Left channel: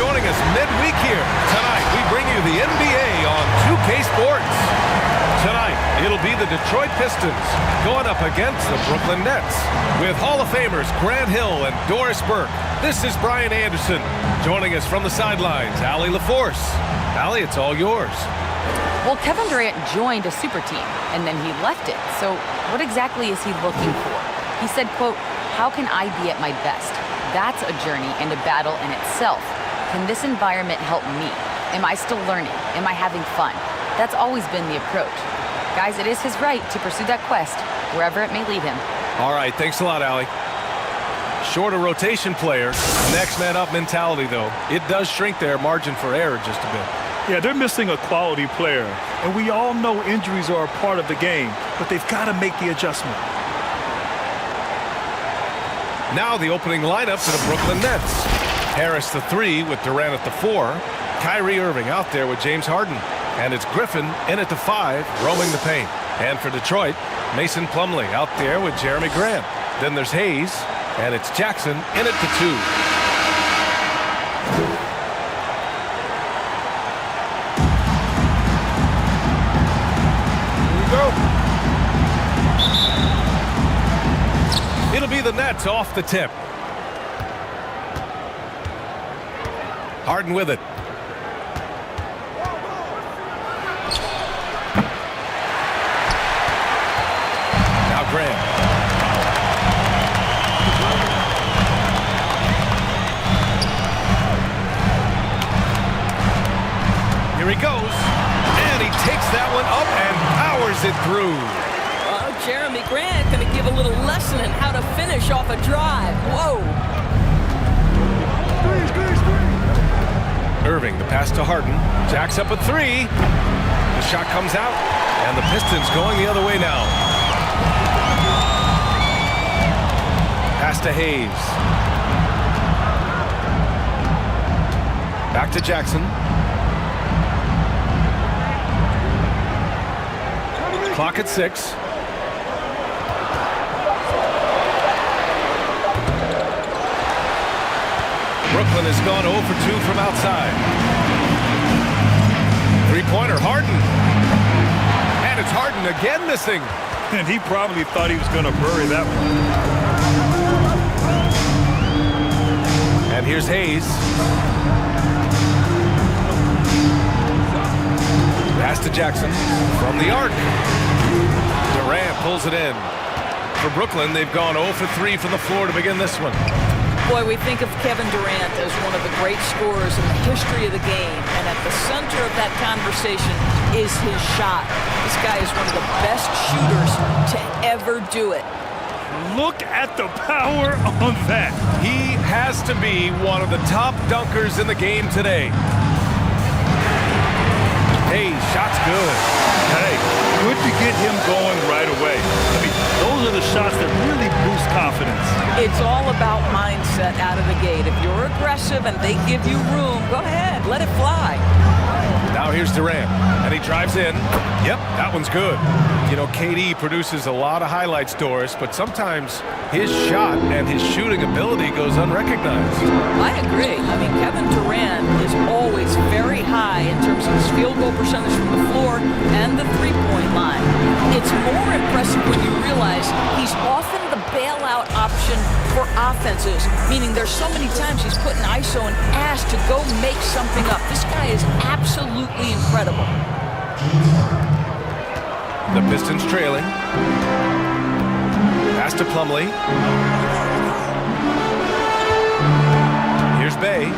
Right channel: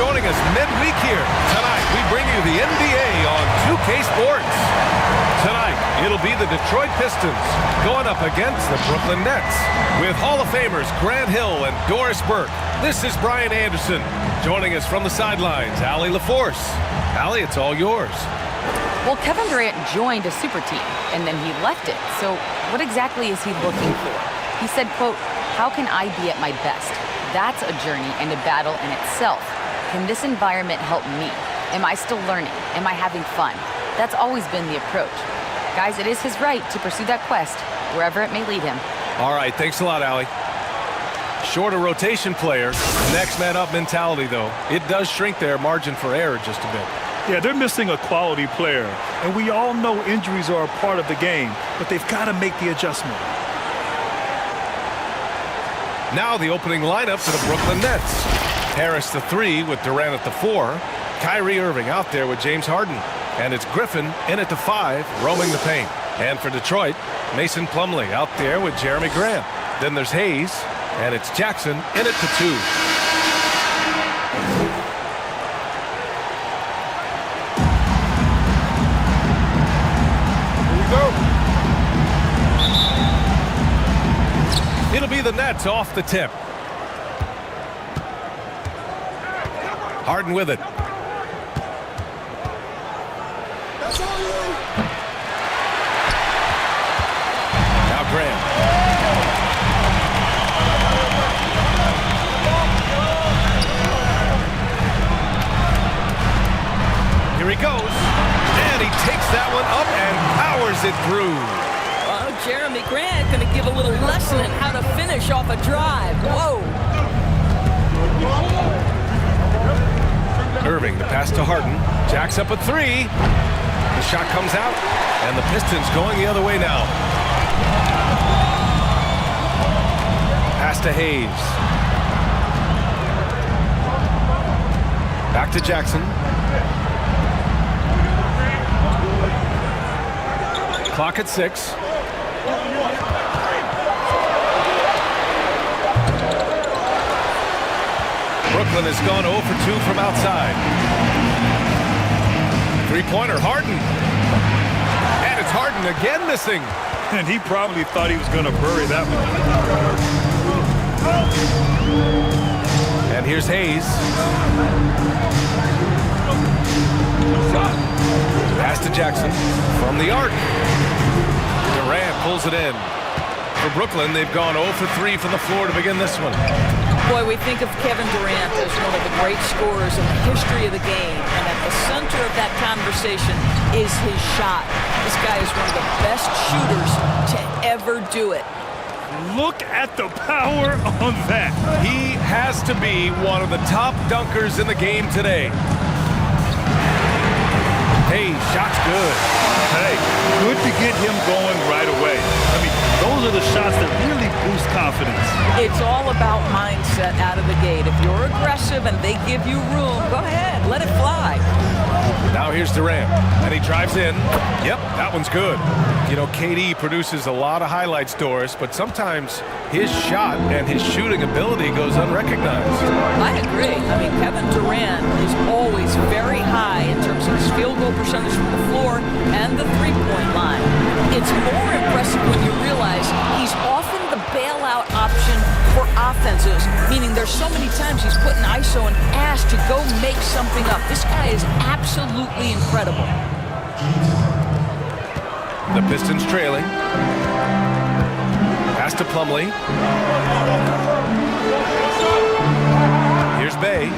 joining us midweek here. Tonight, we bring you the NBA on 2K Sports. Tonight, it'll be the Detroit Pistons going up against the Brooklyn Nets with Hall of Famers Grant Hill and Doris Burke. This is Brian Anderson. Joining us from the sidelines, Allie LaForce. Allie, it's all yours. Well, Kevin Durant joined a super team, and then he left it. So what exactly is he looking for? He said, quote, "How can I be at my best? That's a journey and a battle in itself. Can this environment help me? Am I still learning? Am I having fun?" That's always been the approach. Guys, it is his right to pursue that quest, wherever it may lead him. All right, thanks a lot, Allie. Shorter rotation player, next man up mentality, though. It does shrink their margin for error just a bit. Yeah, they're missing a quality player, and we all know injuries are a part of the game, but they've got to make the adjustment. Now the opening lineup for the Brooklyn Nets. Harris the 3 with Durant at the 4. Kyrie Irving out there with James Harden. And it's Griffin in at the 5, roaming the paint. And for Detroit, Mason Plumlee out there with Jeremy Grant. Then there's Hayes, and it's Jackson in at the 2. Go. It'll be the Nets off the tip. Harden with it. Now Graham. Here he goes. And he takes that one up and powers it through. Oh, Jeremy Grant going to give a little lesson in how to finish off a drive. Whoa. Irving, the pass to Harden. Jacks up a 3. The shot comes out, and the Pistons going the other way now. Pass to Hayes. Back to Jackson. Clock at 6. Brooklyn has gone 0 for 2 from outside. Three-pointer, Harden. And it's Harden again missing. And he probably thought he was going to bury that one. And here's Hayes. Pass to Jackson from the arc. Durant pulls it in. For Brooklyn, they've gone 0 for 3 from the floor to begin this one. Boy, we think of Kevin Durant as one of the great scorers in the history of the game, and at the center of that conversation is his shot. This guy is one of the best shooters to ever do it. Look at the power on that. He has to be one of the top dunkers in the game today. Hey, shot's good. Hey, good to get him going right away. I mean, those are the shots that really boost confidence. It's all about mindset out of the gate. If you're aggressive and they give you room, go ahead, let it fly. Now here's Durant, and he drives in. Yep, that one's good. You know, KD produces a lot of highlights, Doris, but sometimes his shot and his shooting ability goes unrecognized. I agree. I mean, Kevin Durant is always very high in terms of his field goal percentage from the floor and the three-point line. It's more impressive when you realize he's often the bailout option for offenses, meaning there's so many times he's put an ISO and asked to go make something up. This guy is absolutely incredible. The Pistons trailing. Pass to Plumlee. Here's Bay.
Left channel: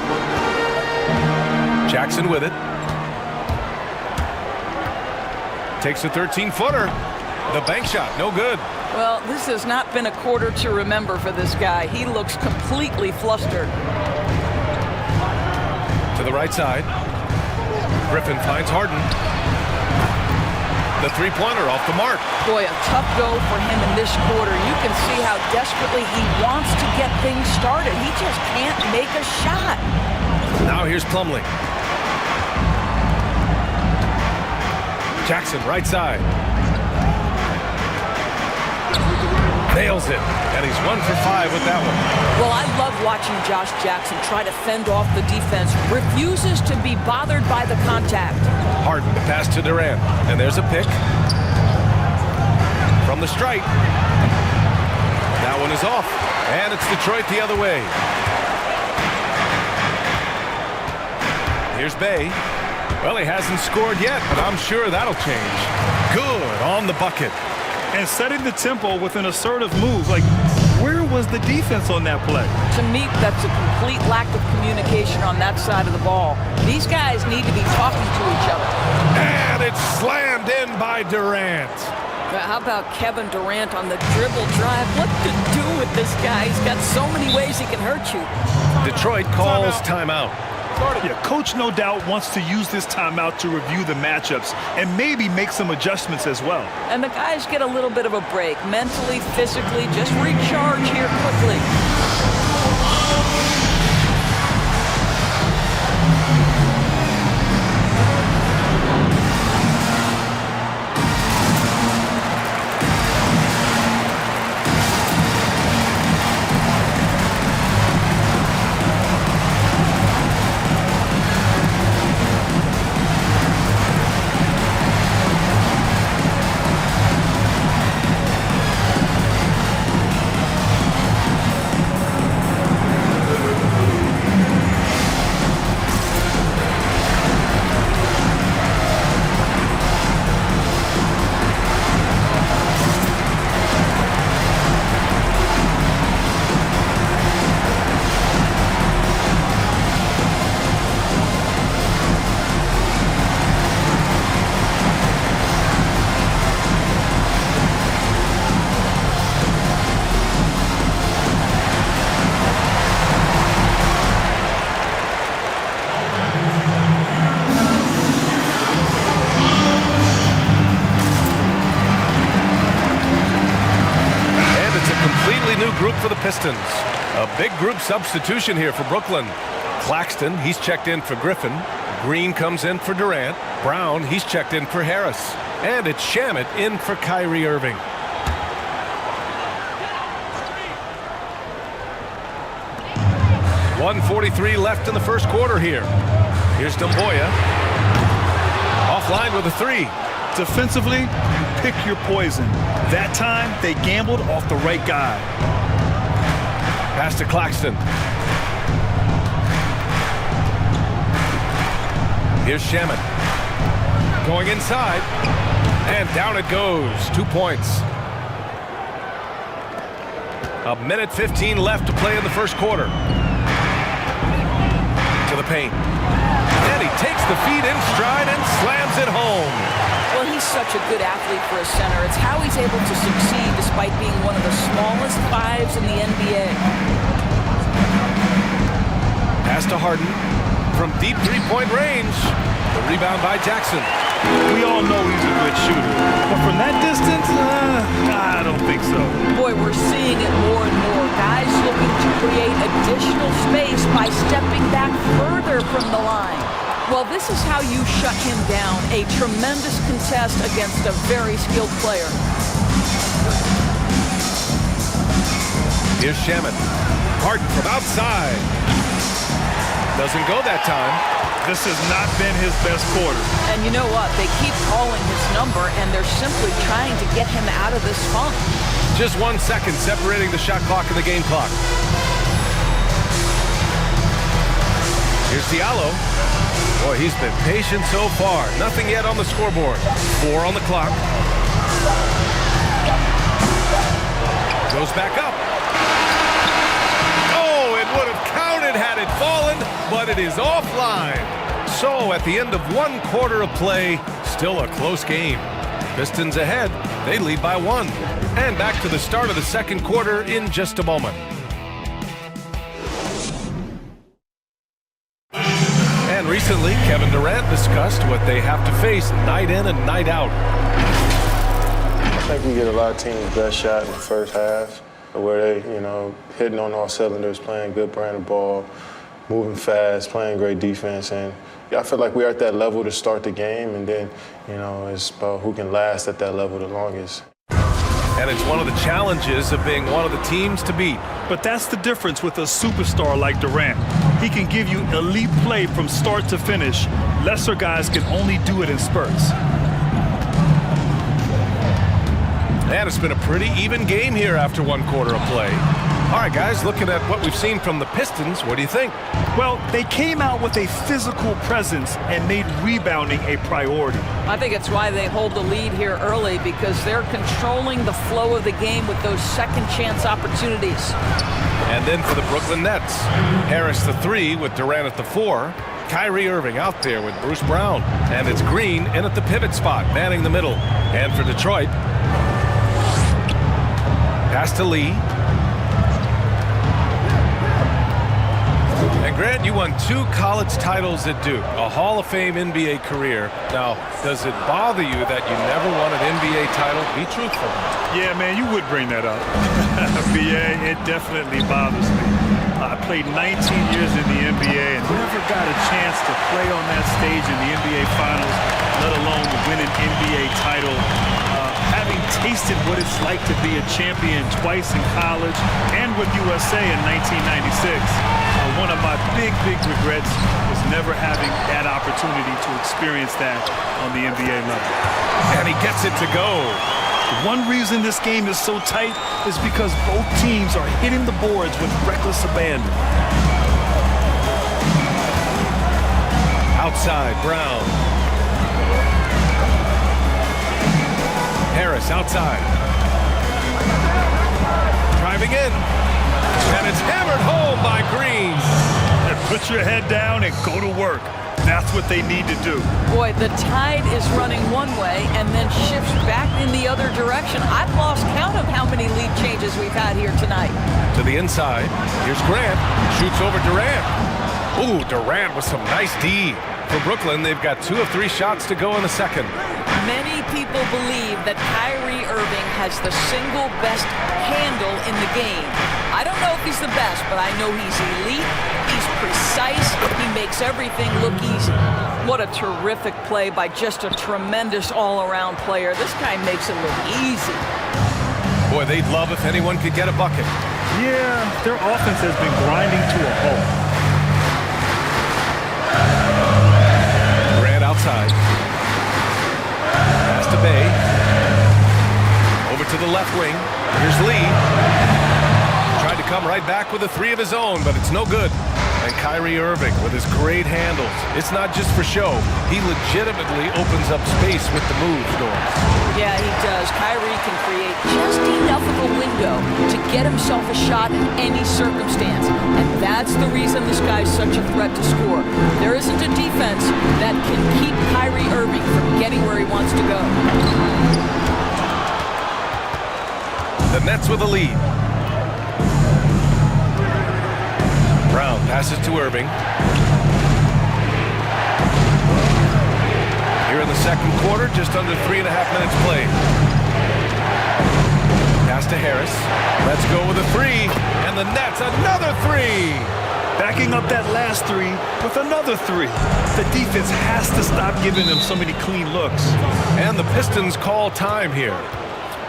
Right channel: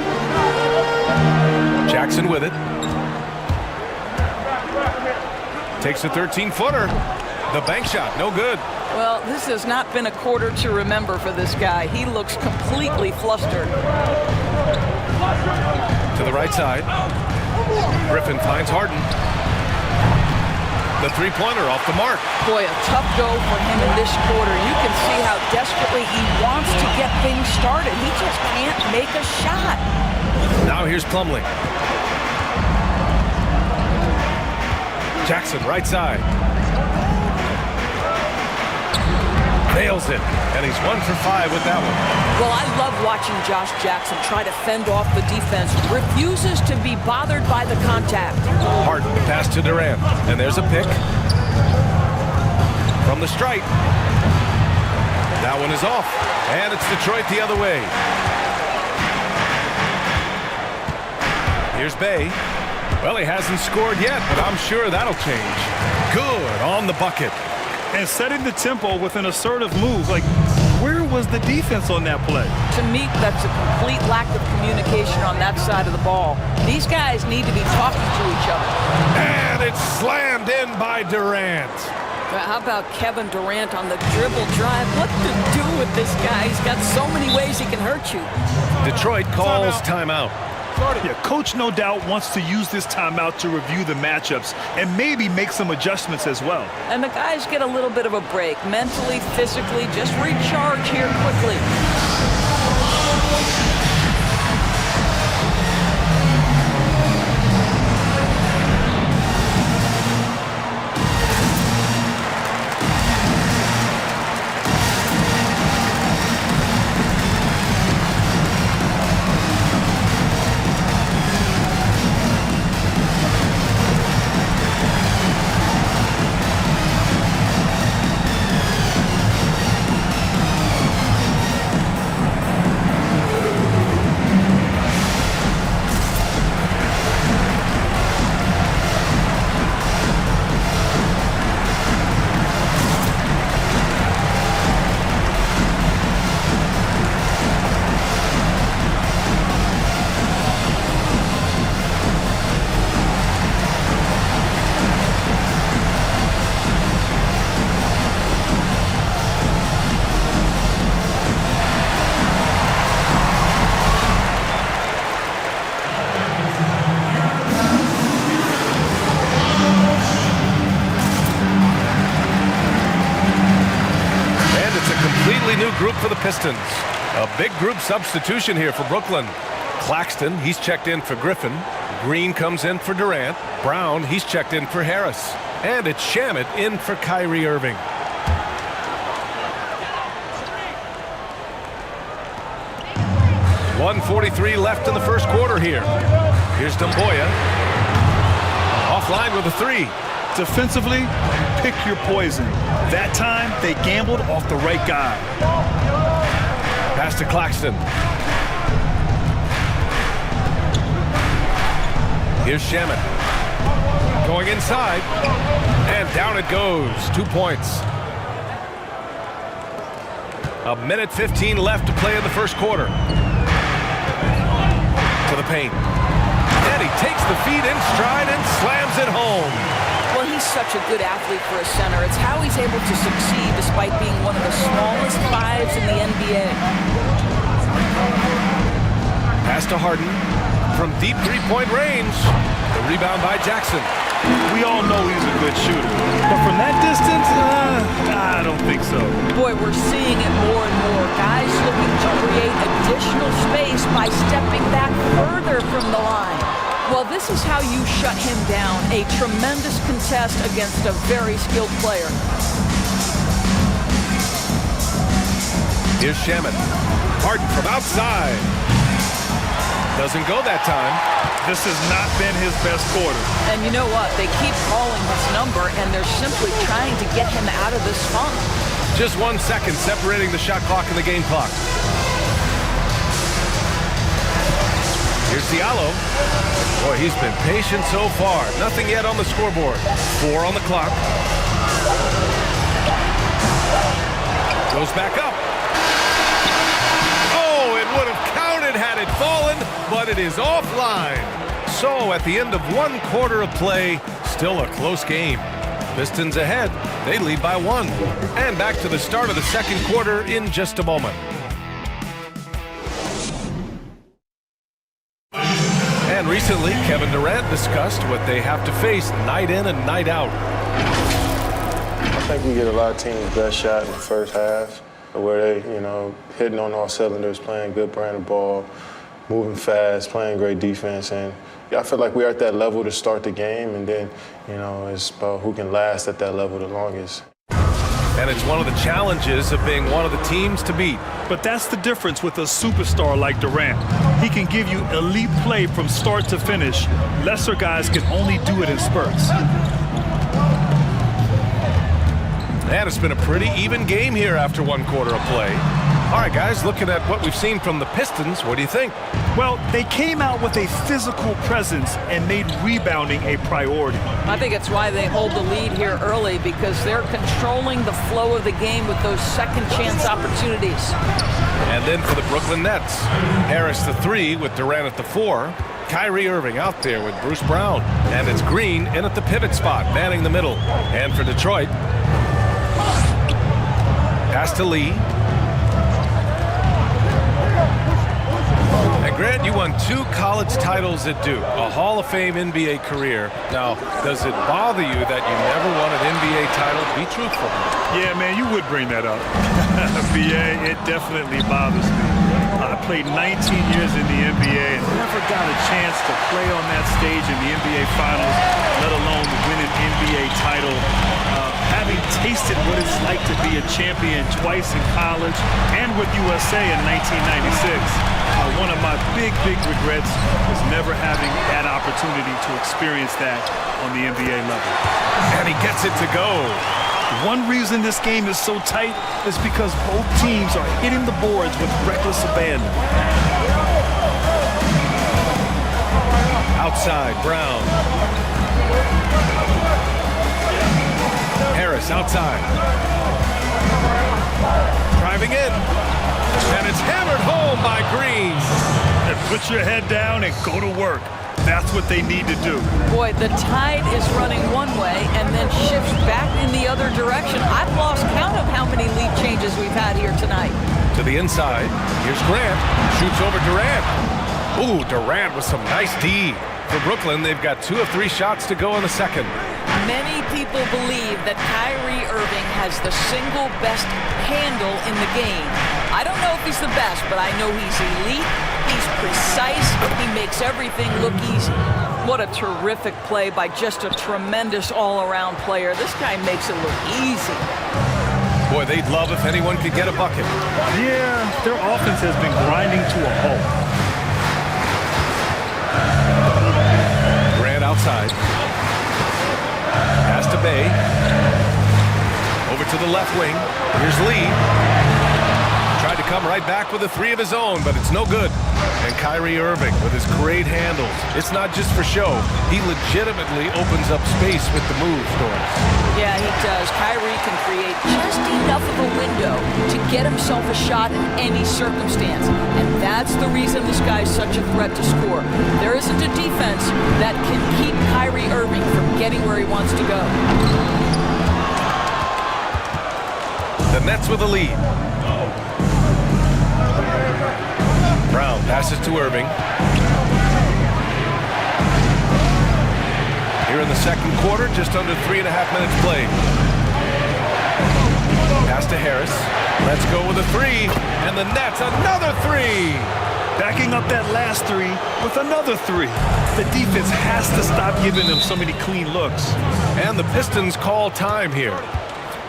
Jackson with it. Takes a 13-footer. The bank shot, no good. Well, this has not been a quarter to remember for this guy. He looks completely flustered. To the right side. Griffin finds Harden. The three-pointer off the mark. Boy, a tough go for him in this quarter. You can see how desperately he wants to get things started. He just can't make a shot. Now here's Plumlee. Jackson, right side. Nails it, and he's 1 for 5 with that one. Well, I love watching Josh Jackson try to fend off the defense. Refuses to be bothered by the contact. Harden, the pass to Durant, and there's a pick from the stripe. That one is off, and it's Detroit the other way. Here's Bay. Well, he hasn't scored yet, but I'm sure that'll change. Good on the bucket. And setting the tempo with an assertive move. Like, where was the defense on that play? To me, that's a complete lack of communication on that side of the ball. These guys need to be talking to each other. And it's slammed in by Durant. How about Kevin Durant on the dribble drive? What to do with this guy? He's got so many ways he can hurt you. Detroit calls timeout. Yeah, coach no doubt wants to use this timeout to review the matchups and maybe make some adjustments as well. And the guys get a little bit of a break. Mentally, physically, just recharge here quickly. Completely new group for the Pistons. A big group substitution here for Brooklyn. Claxton, he's checked in for Griffin. Green comes in for Durant. Brown, he's checked in for Harris. And it's Shamet in for Kyrie Irving. .143 left in the first quarter here. Here's Dumboya. Offline with a three. Defensively, you pick your poison. That time, they gambled off the right guy. Pass to Claxton. Here's Shamet. Going inside. And down it goes. 2 points. A minute 15 left to play in the first quarter. To the paint. And he takes the feed in stride and slams it home. Well, he's such a good athlete for a center. It's how he's able to succeed despite being one of the smallest fives in the NBA. Pass to Harden from deep three-point range. The rebound by Jackson. We all know he's a good shooter, but from that distance, I don't think so. Boy, we're seeing it more and more. Guys looking to create additional space by stepping back further from the line. Well, this is how you shut him down. A tremendous contest against a very skilled player. Here's Shamet. Harden from outside. Doesn't go that time. This has not been his best quarter. And you know what? They keep calling his number, and they're simply trying to get him out of this funk. Just 1 second separating the shot clock and the game clock. Here's Diallo. Boy, he's been patient so far. Nothing yet on the scoreboard. 4 on the clock. Goes back up. Oh, it would have counted had it fallen, but it is offline. So at the end of 1 quarter of play, still a close game. Pistons ahead. They lead by 1. And back to the start of the second quarter in just a moment. And recently, Kevin Durant discussed what they have to face night in and night out. I think we get a lot of teams' best shot in the first half, where they, hitting on all cylinders, playing good brand of ball, moving fast, playing great defense. And I feel like we're at that level to start the game, and then, it's about who can last at that level the longest. And it's one of the challenges of being one of the teams to beat. But that's the difference with a superstar like Durant. He can give you elite play from start to finish. Lesser guys can only do it in spurts. And it's been a pretty even game here after one quarter of play. All right, guys, looking at what we've seen from the Pistons, what do you think? Well, they came out with a physical presence and made rebounding a priority. I think it's why they hold the lead here early, because they're controlling the flow of the game with those second chance opportunities. And then for the Brooklyn Nets, Harris the 3 with Durant at the 4. Kyrie Irving out there with Bruce Brown. And it's Green in at the pivot spot, manning the middle. And for Detroit, pass to Lee. And Grant, you won 2 college titles at Duke, a Hall of Fame NBA career. Now, does it bother you that you never won an NBA title? Be truthful. Yeah, man, you would bring that up. BA, it definitely bothers me. I played 19 years in the NBA and never got a chance to play on that stage in the NBA Finals, let alone win an NBA title. Having tasted what it's like to be a champion twice in college and with USA in 1996, one of my big regrets was never having that opportunity to experience that on the NBA level. And he gets it to go. One reason this game is so tight is because both teams are hitting the boards with reckless abandon. Outside, Brown. Harris outside. Driving in. And it's hammered home by Green. And put your head down and go to work. That's what they need to do. Boy, the tide is running one way and then shifts back in the other direction. I've lost count of how many lead changes we've had here tonight. To the inside. Here's Grant. Shoots over Durant. Ooh, Durant with some nice D. For Brooklyn, they've got 2 of 3 shots to go in the second. Many people believe that Kyrie Irving has the single best handle in the game. I don't know if he's the best, but I know he's elite. He's precise. He makes everything look easy. What a terrific play by just a tremendous all-around player. This guy makes it look easy. Boy, they'd love if anyone could get a bucket. Yeah, their offense has been grinding to a halt. Grant outside. Pass to Bay. Over to the left wing. Here's Lee. Tried to come right back with a 3 of his own, but it's no good. And Kyrie Irving with his great handles. It's not just for show. He legitimately opens up space with the moves, Doris. Yeah, he does. Kyrie can create just enough of a window to get himself a shot in any circumstance. And that's the reason this guy's such a threat to score. There isn't a defense that can keep Kyrie Irving from getting where he wants to go. The Nets with a lead. Brown passes to Irving. Here in the second quarter, just under 3.5 minutes played. Pass to Harris. Let's go with a 3. And the Nets, another 3. Backing up that last 3 with another 3. The defense has to stop giving them so many clean looks. And the Pistons call time here.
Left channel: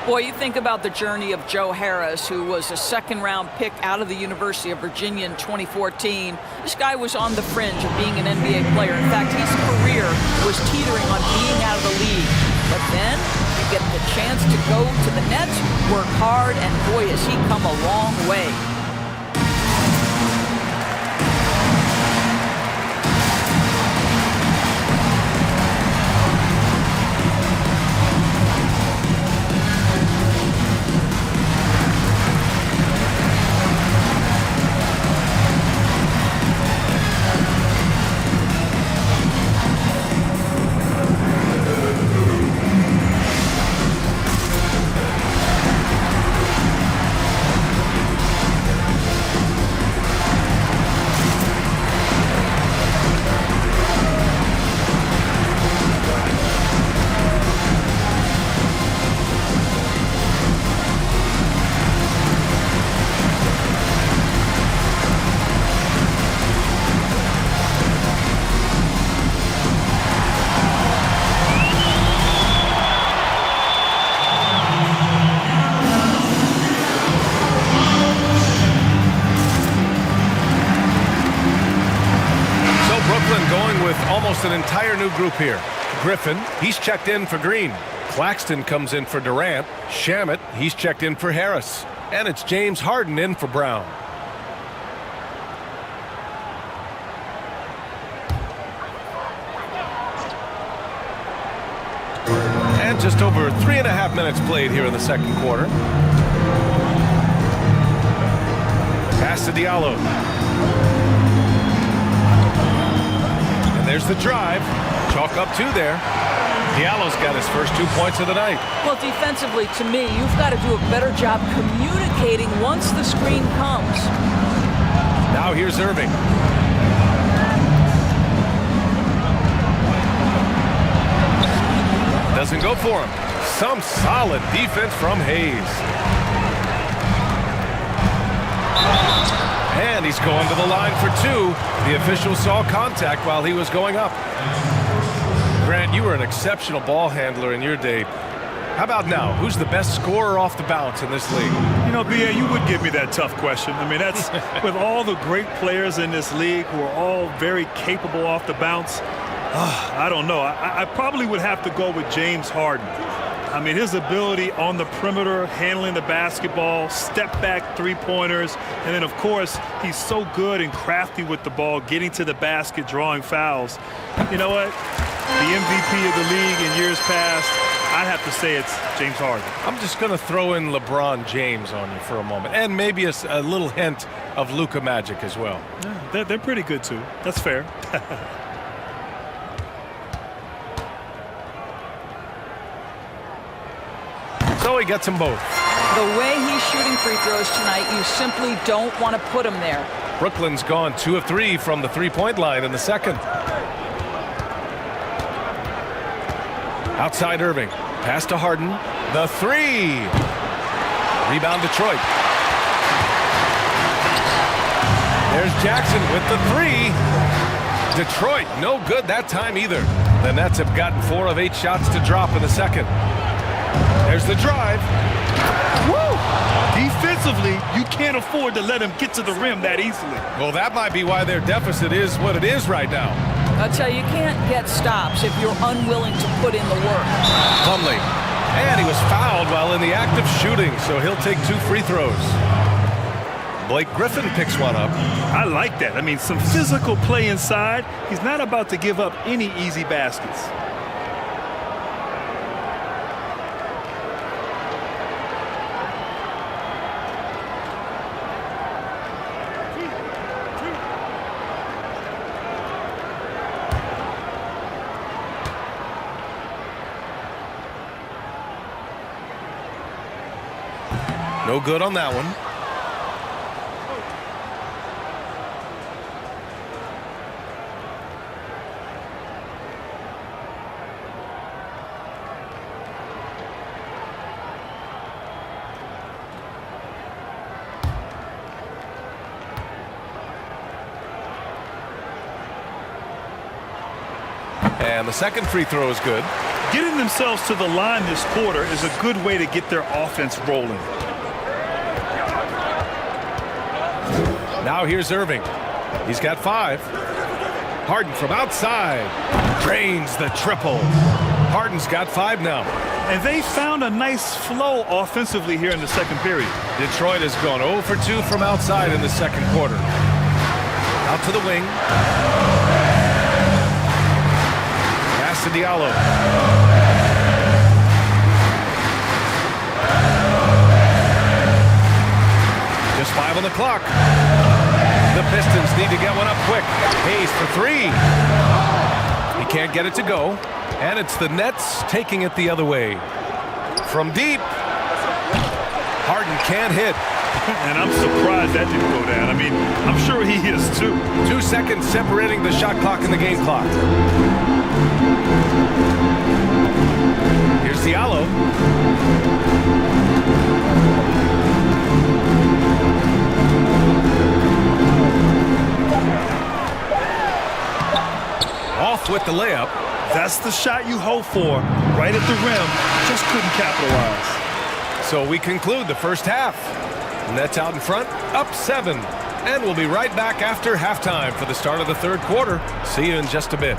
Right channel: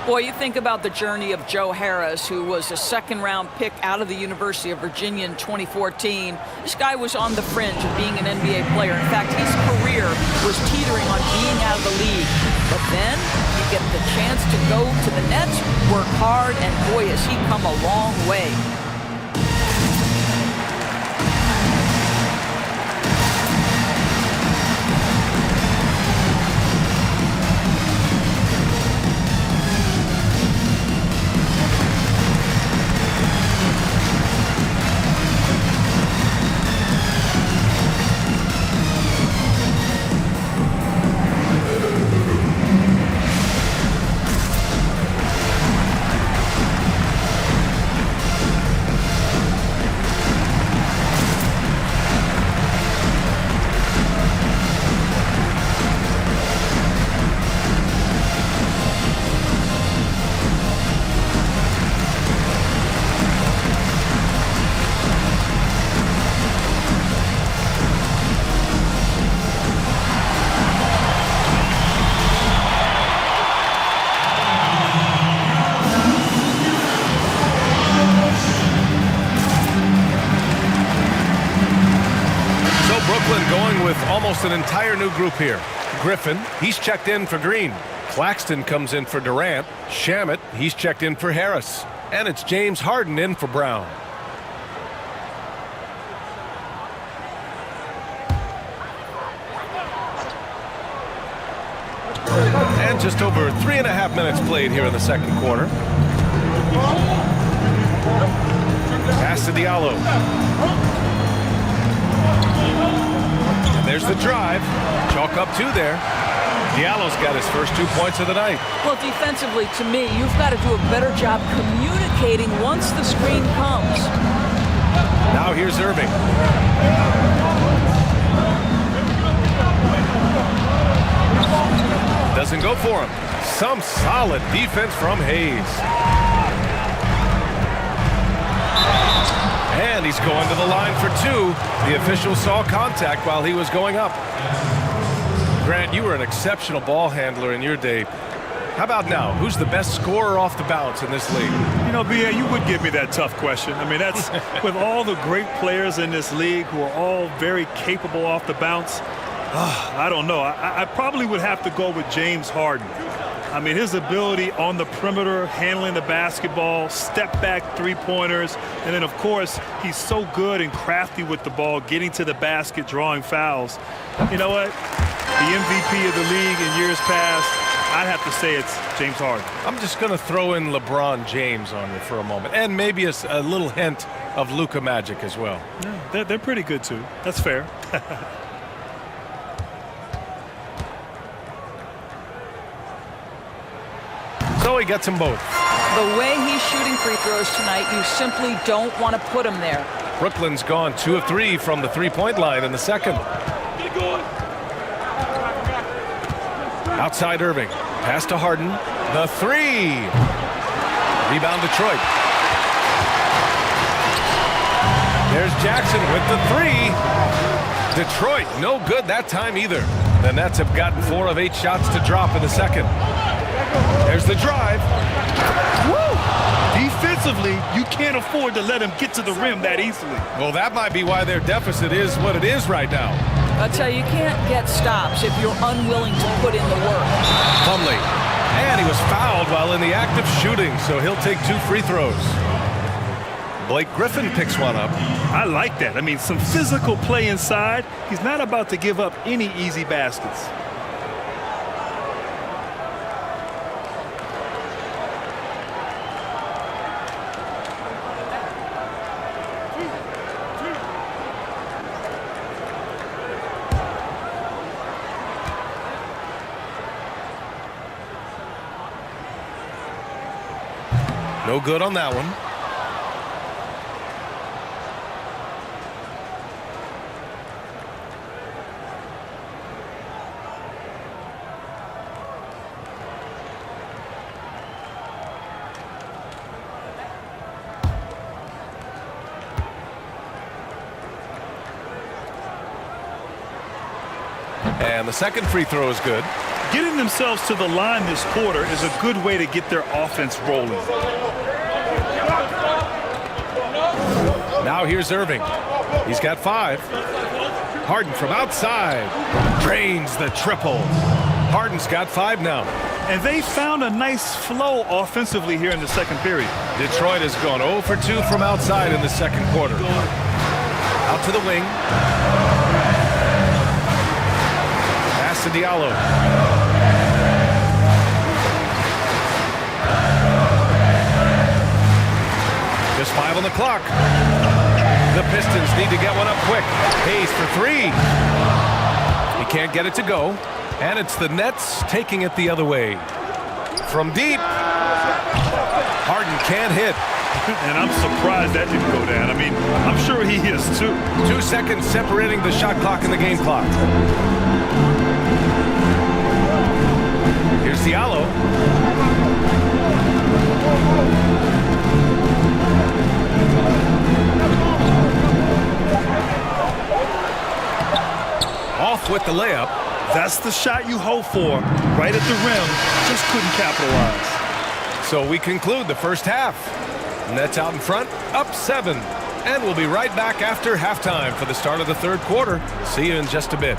Boy, you think about the journey of Joe Harris, who was a second-round pick out of the University of Virginia in 2014. This guy was on the fringe of being an NBA player. In fact, his career was teetering on being out of the league. But then you get the chance to go to the Nets, work hard, and boy, has he come a long way. Brooklyn going with almost an entire new group here. Griffin, he's checked in for Green. Claxton comes in for Durant. Shamet, he's checked in for Harris. And it's James Harden in for Brown. And just over 3.5 minutes played here in the second quarter. Pass to Diallo. And there's the drive. Chalk up 2 there. Diallo's got his first 2 points of the night. Well, defensively, to me, you've got to do a better job communicating once the screen comes. Now here's Irving. Doesn't go for him. Some solid defense from Hayes. And he's going to the line for 2. The official saw contact while he was going up. Grant, you were an exceptional ball handler in your day. How about now? Who's the best scorer off the bounce in this league? You know, B.A., you would give me that tough question. I mean, that's with all the great players in this league who are all very capable off the bounce. I don't know. I probably would have to go with James Harden. I mean, his ability on the perimeter, handling the basketball, step-back three-pointers, and then, of course, he's so good and crafty with the ball, getting to the basket, drawing fouls. You know what? The MVP of the league in years past, I'd have to say it's James Harden. I'm just going to throw in LeBron James on you for a moment, and maybe a little hint of Luka Magic as well. Yeah, they're pretty good, too. That's fair. So he gets them both. The way he's shooting free throws tonight, you simply don't want to put him there. Brooklyn's gone 2 of 3 from the three-point line in the second. Outside Irving. Pass to Harden. The 3. Rebound Detroit. There's Jackson with the 3. Detroit, no good that time either. The Nets have gotten 4 of 8 shots to drop in the second. There's the drive. Woo! Defensively, you can't afford to let him get to the rim that easily. Well, that might be why their deficit is what it is right now. I'll tell you, you can't get stops if you're unwilling to put in the work. Plumlee. And he was fouled while in the act of shooting, so he'll take 2 free throws. Blake Griffin picks one up. I like that. I mean, some physical play inside. He's not about to give up any easy baskets. No good on that one. And the second free throw is good. Getting themselves to the line this quarter is a good way to get their offense rolling. Now here's Irving. He's got 5. Harden from outside. Drains the triple. Harden's got 5 now. And they found a nice flow offensively here in the second period. Detroit has gone 0 for 2 from outside in the second quarter. Out to the wing. Pass to Diallo. Just 5 on the clock. The Pistons need to get one up quick. Hayes for 3. He can't get it to go. And it's the Nets taking it the other way. From deep. Harden can't hit. And I'm surprised that didn't go down. I mean, I'm sure he is too. 2 seconds separating the shot clock and the game clock. Here's Diallo. Off with the layup. That's the shot you hope for. Right at the rim. Just couldn't capitalize. So we conclude the first half. Nets out in front, up 7. And we'll be right back after halftime for the start of the third quarter. See you in just a bit.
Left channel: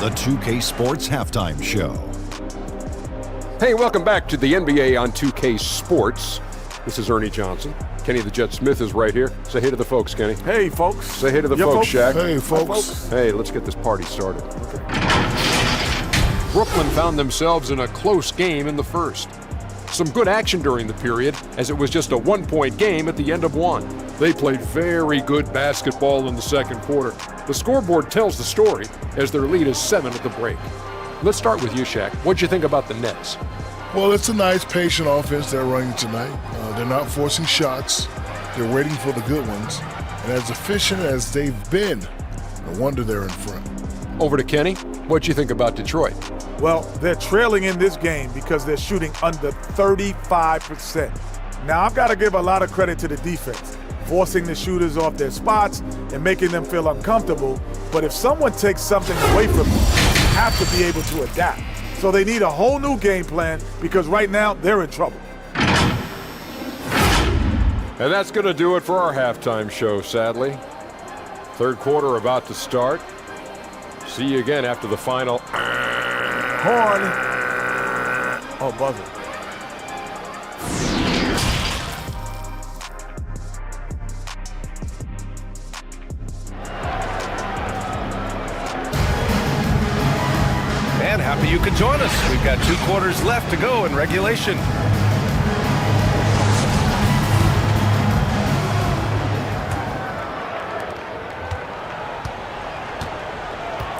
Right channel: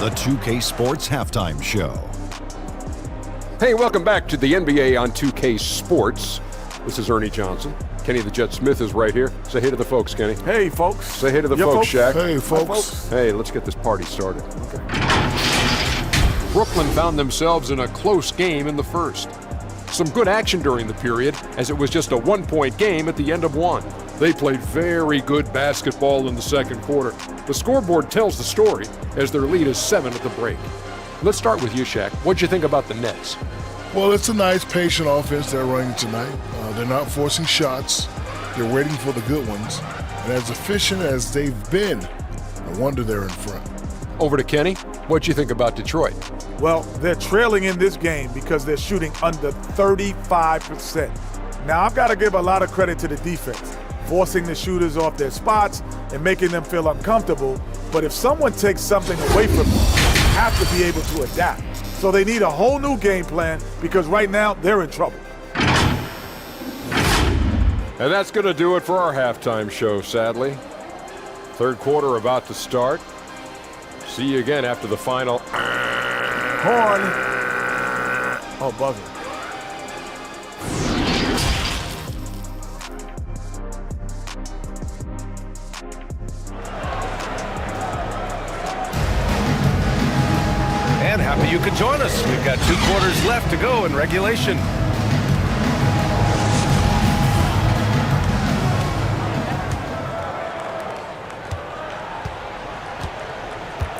The 2K Sports Halftime Show. Hey, welcome back to the NBA on 2K Sports. This is Ernie Johnson. Kenny the Jet Smith is right here. Say hey to the folks, Kenny. Hey, folks. Say hey to the folks, Shaq. Hey, folks. Hey, let's get this party started. Okay. Brooklyn found themselves in a close game in the first. Some good action during the period, as it was just a one-point game at the end of one. They played very good basketball in the second quarter. The scoreboard tells the story, as their lead is 7 at the break. Let's start with you, Shaq. What'd you think about the Nets? Well, it's a nice, patient offense they're running tonight. They're not forcing shots. They're waiting for the good ones. And as efficient as they've been, no wonder they're in front. Over to Kenny. What'd you think about Detroit? Well, they're trailing in this game because they're shooting under 35%. Now, I've got to give a lot of credit to the defense, forcing the shooters off their spots and making them feel uncomfortable. But if someone takes something away from them, you have to be able to adapt. So they need a whole new game plan because right now they're in trouble. And that's going to do it for our halftime show, sadly. Third quarter about to start. See you again after the final. Horn. Oh, buzzer. And happy you could join us. We've got 2 quarters left to go in regulation.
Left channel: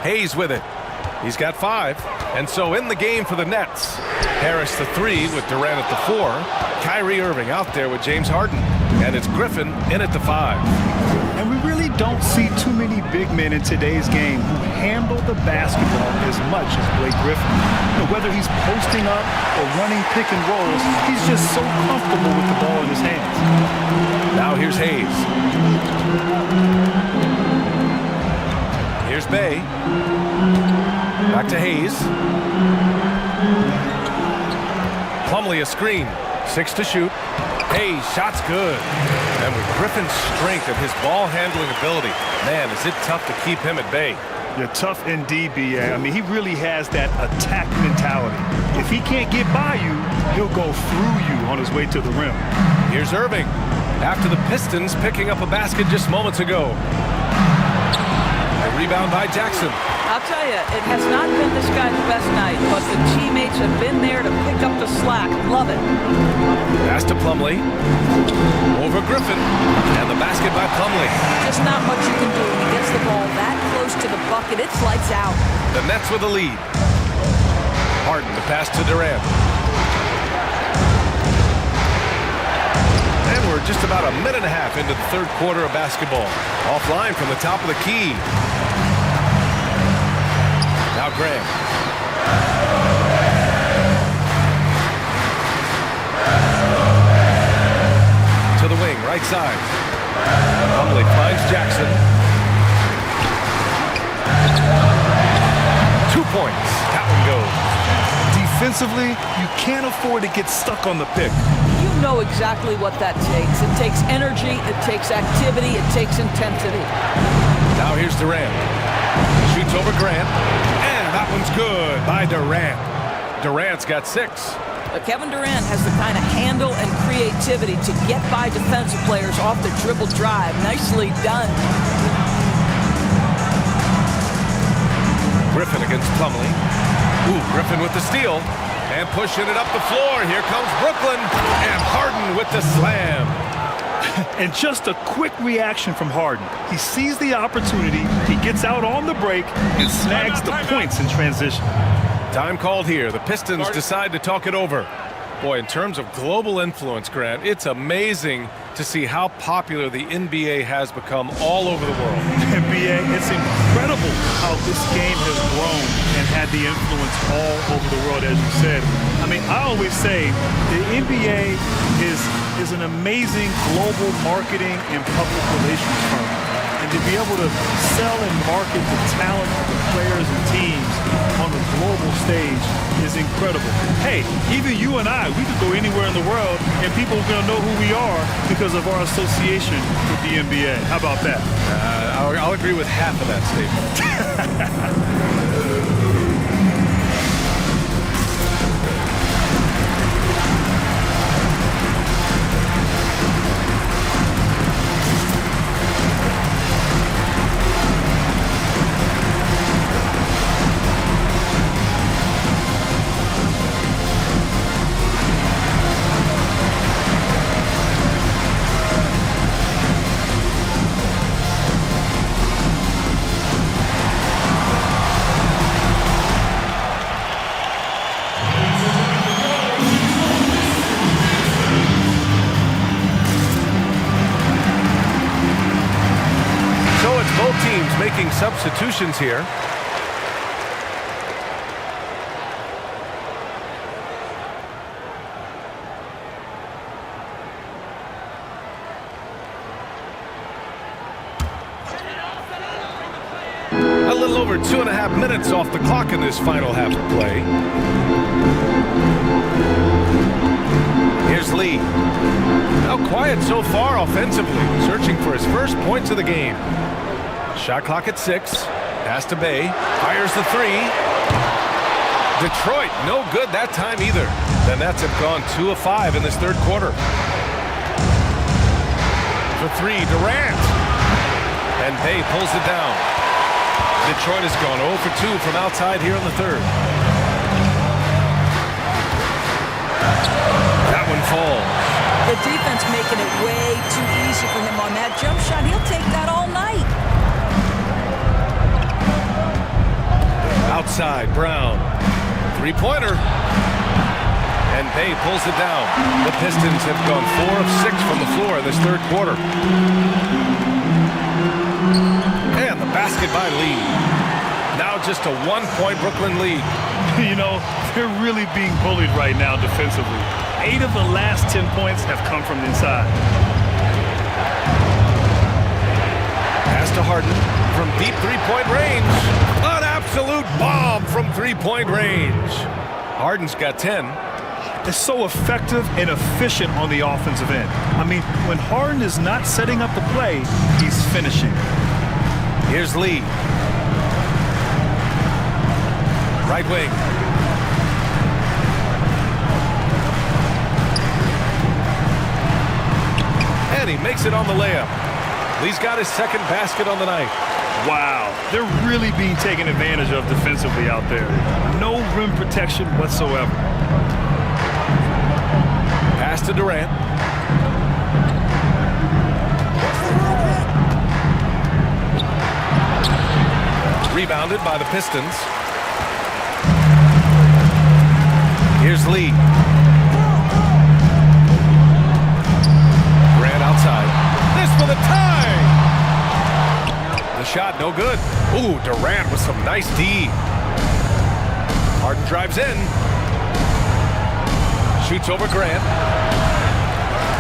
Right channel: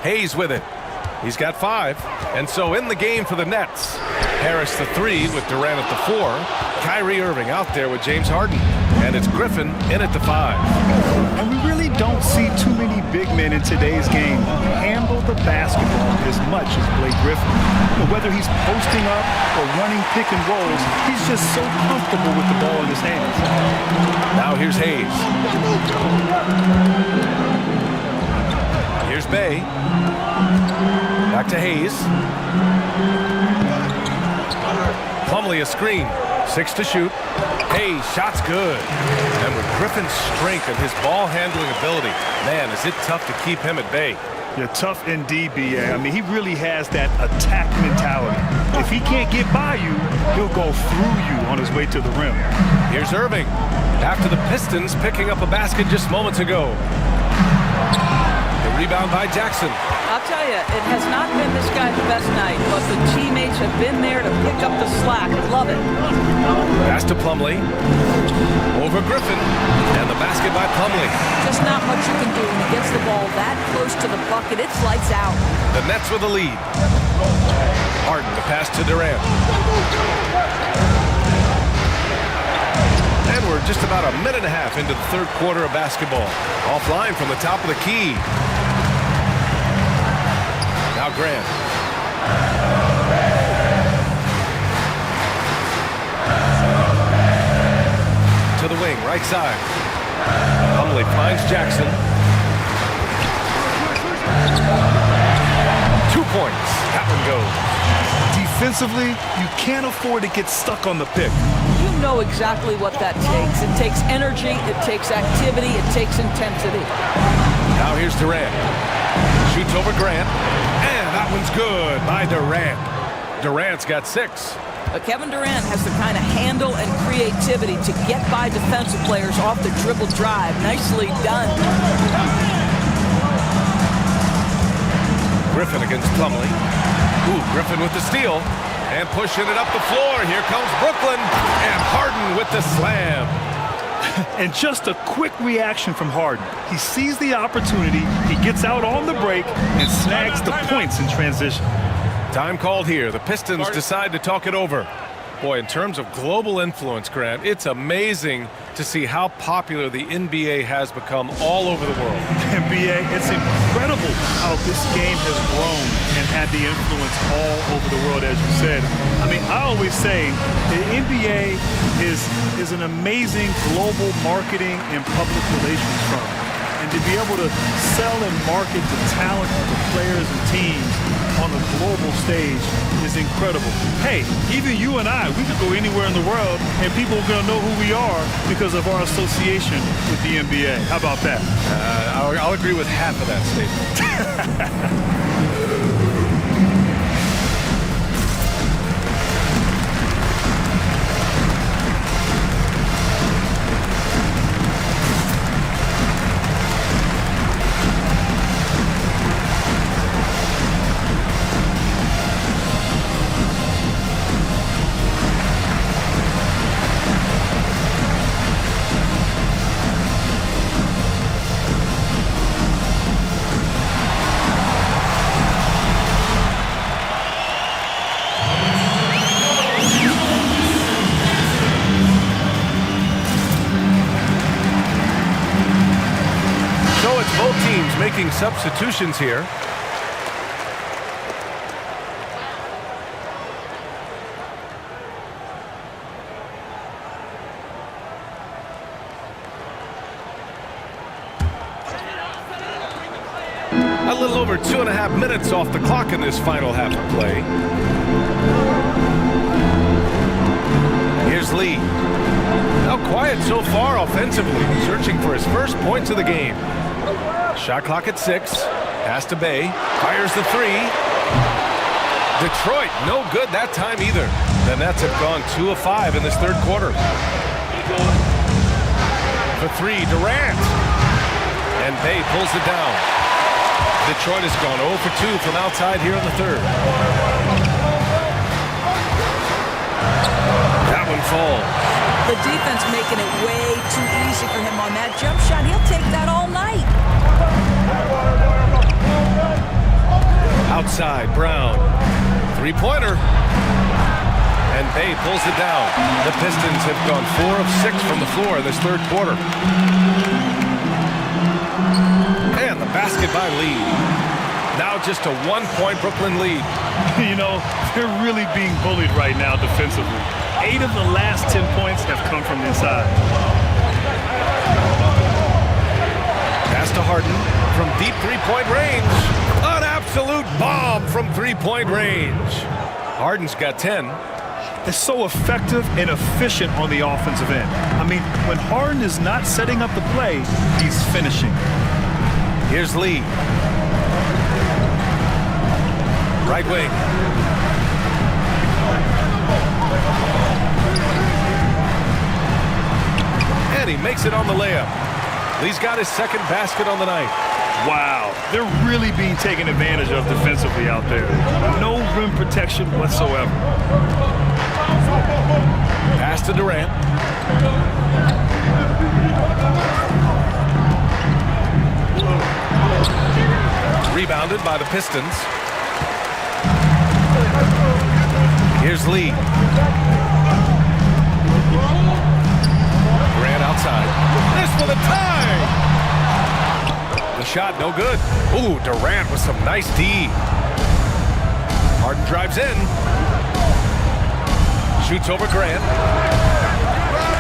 Hayes with it. He's got 5. And so in the game for the Nets. Harris the 3 with Durant at the 4. Kyrie Irving out there with James Harden. And it's Griffin in at the 5. And we really don't see too many big men in today's game who handle the basketball as much as Blake Griffin. You know, whether he's posting up or running pick and rolls, he's just so comfortable with the ball in his hands. Now here's Hayes. Here's Bay. Back to Hayes. Plumlee a screen. 6 to shoot. Hayes, shot's good. And with Griffin's strength and his ball handling ability, man, is it tough to keep him at bay. Yeah, tough indeed, B.A. I mean, he really has that attack mentality. If he can't get by you, he'll go through you on his way to the rim. Here's Irving. After the Pistons picking up a basket just moments ago. The rebound by Jackson. I'll tell you, it has not been this guy's best night, but the teammates have been there to pick up the slack. Love it. Pass to Plumlee. Over Griffin. And the basket by Plumlee. Just not much you can do when he gets the ball that close to the bucket. It's lights out. The Nets with the lead. Harden to pass to Durant. And we're just about a minute and a half into the third quarter of basketball. Offline from the top of the key. Now Grant. To the wing, right side. Plumlee finds Jackson. 2 points. That one goes. Defensively, you can't afford to get stuck on the pick. You know exactly what that takes. It takes energy, it takes activity, it takes intensity. Now here's Durant. Shoots over Grant. And that one's good by Durant. Durant's got 6. But Kevin Durant has the kind of handle and creativity to get by defensive players off the dribble drive. Nicely done. Griffin against Plumlee. Ooh, Griffin with the steal. And pushing it up the floor. Here comes Brooklyn. And Harden with the slam. And just a quick reaction from Harden. He sees the opportunity, he gets out on the break, and snags the points in transition. Time called here. The Pistons decide to talk it over. Boy, in terms of global influence, Grant, it's amazing to see how popular the NBA has become all over the world. NBA, it's incredible how this game has grown and had the influence all over the world, as you said. I mean, I always say the NBA is an amazing global marketing and public relations firm. and to be able to sell and market the talent of the players and teams on a global stage is incredible. Hey, even you and I, we could go anywhere in the world and people are going to know who we are because of our association with the NBA. How about that? I'll agree with half of that statement. So it's both teams making substitutions here. A little over 2.5 minutes off the clock in this final half of play. Here's Lee. Now quiet so far offensively, searching for his first points of the game. Shot clock at 6. Pass to Bay. Fires the 3. Detroit, no good that time either. The Nets have gone 2 of 5 in this third quarter. For 3, Durant. And Bay pulls it down. Detroit has gone 0 for 2 from outside here in the third. That one falls. The defense making it way too easy for him on that jump shot. He'll take that all night. Outside, Brown. Three-pointer. And Bay pulls it down. The Pistons have gone 4 of 6 from the floor in this third quarter. And the basket by Lee. Now just a 1-point Brooklyn lead. You know, they're really being bullied right now defensively. 8 of the last 10 points have come from the inside. Pass to Harden from deep three-point range. An absolute bomb from three-point range. Harden's got 10. It's so effective and efficient on the offensive end. I mean, when Harden is not setting up the play, he's finishing. Here's Lee. Right wing. And he makes it on the layup. Lee's got his second basket on the night. Wow, they're really being taken advantage of defensively out there. No rim protection whatsoever. Pass to Durant. Rebounded by the Pistons. Here's Lee. Durant outside. This for the tie! The shot no good. Ooh, Durant with some nice D. Harden drives in. Shoots over Grant.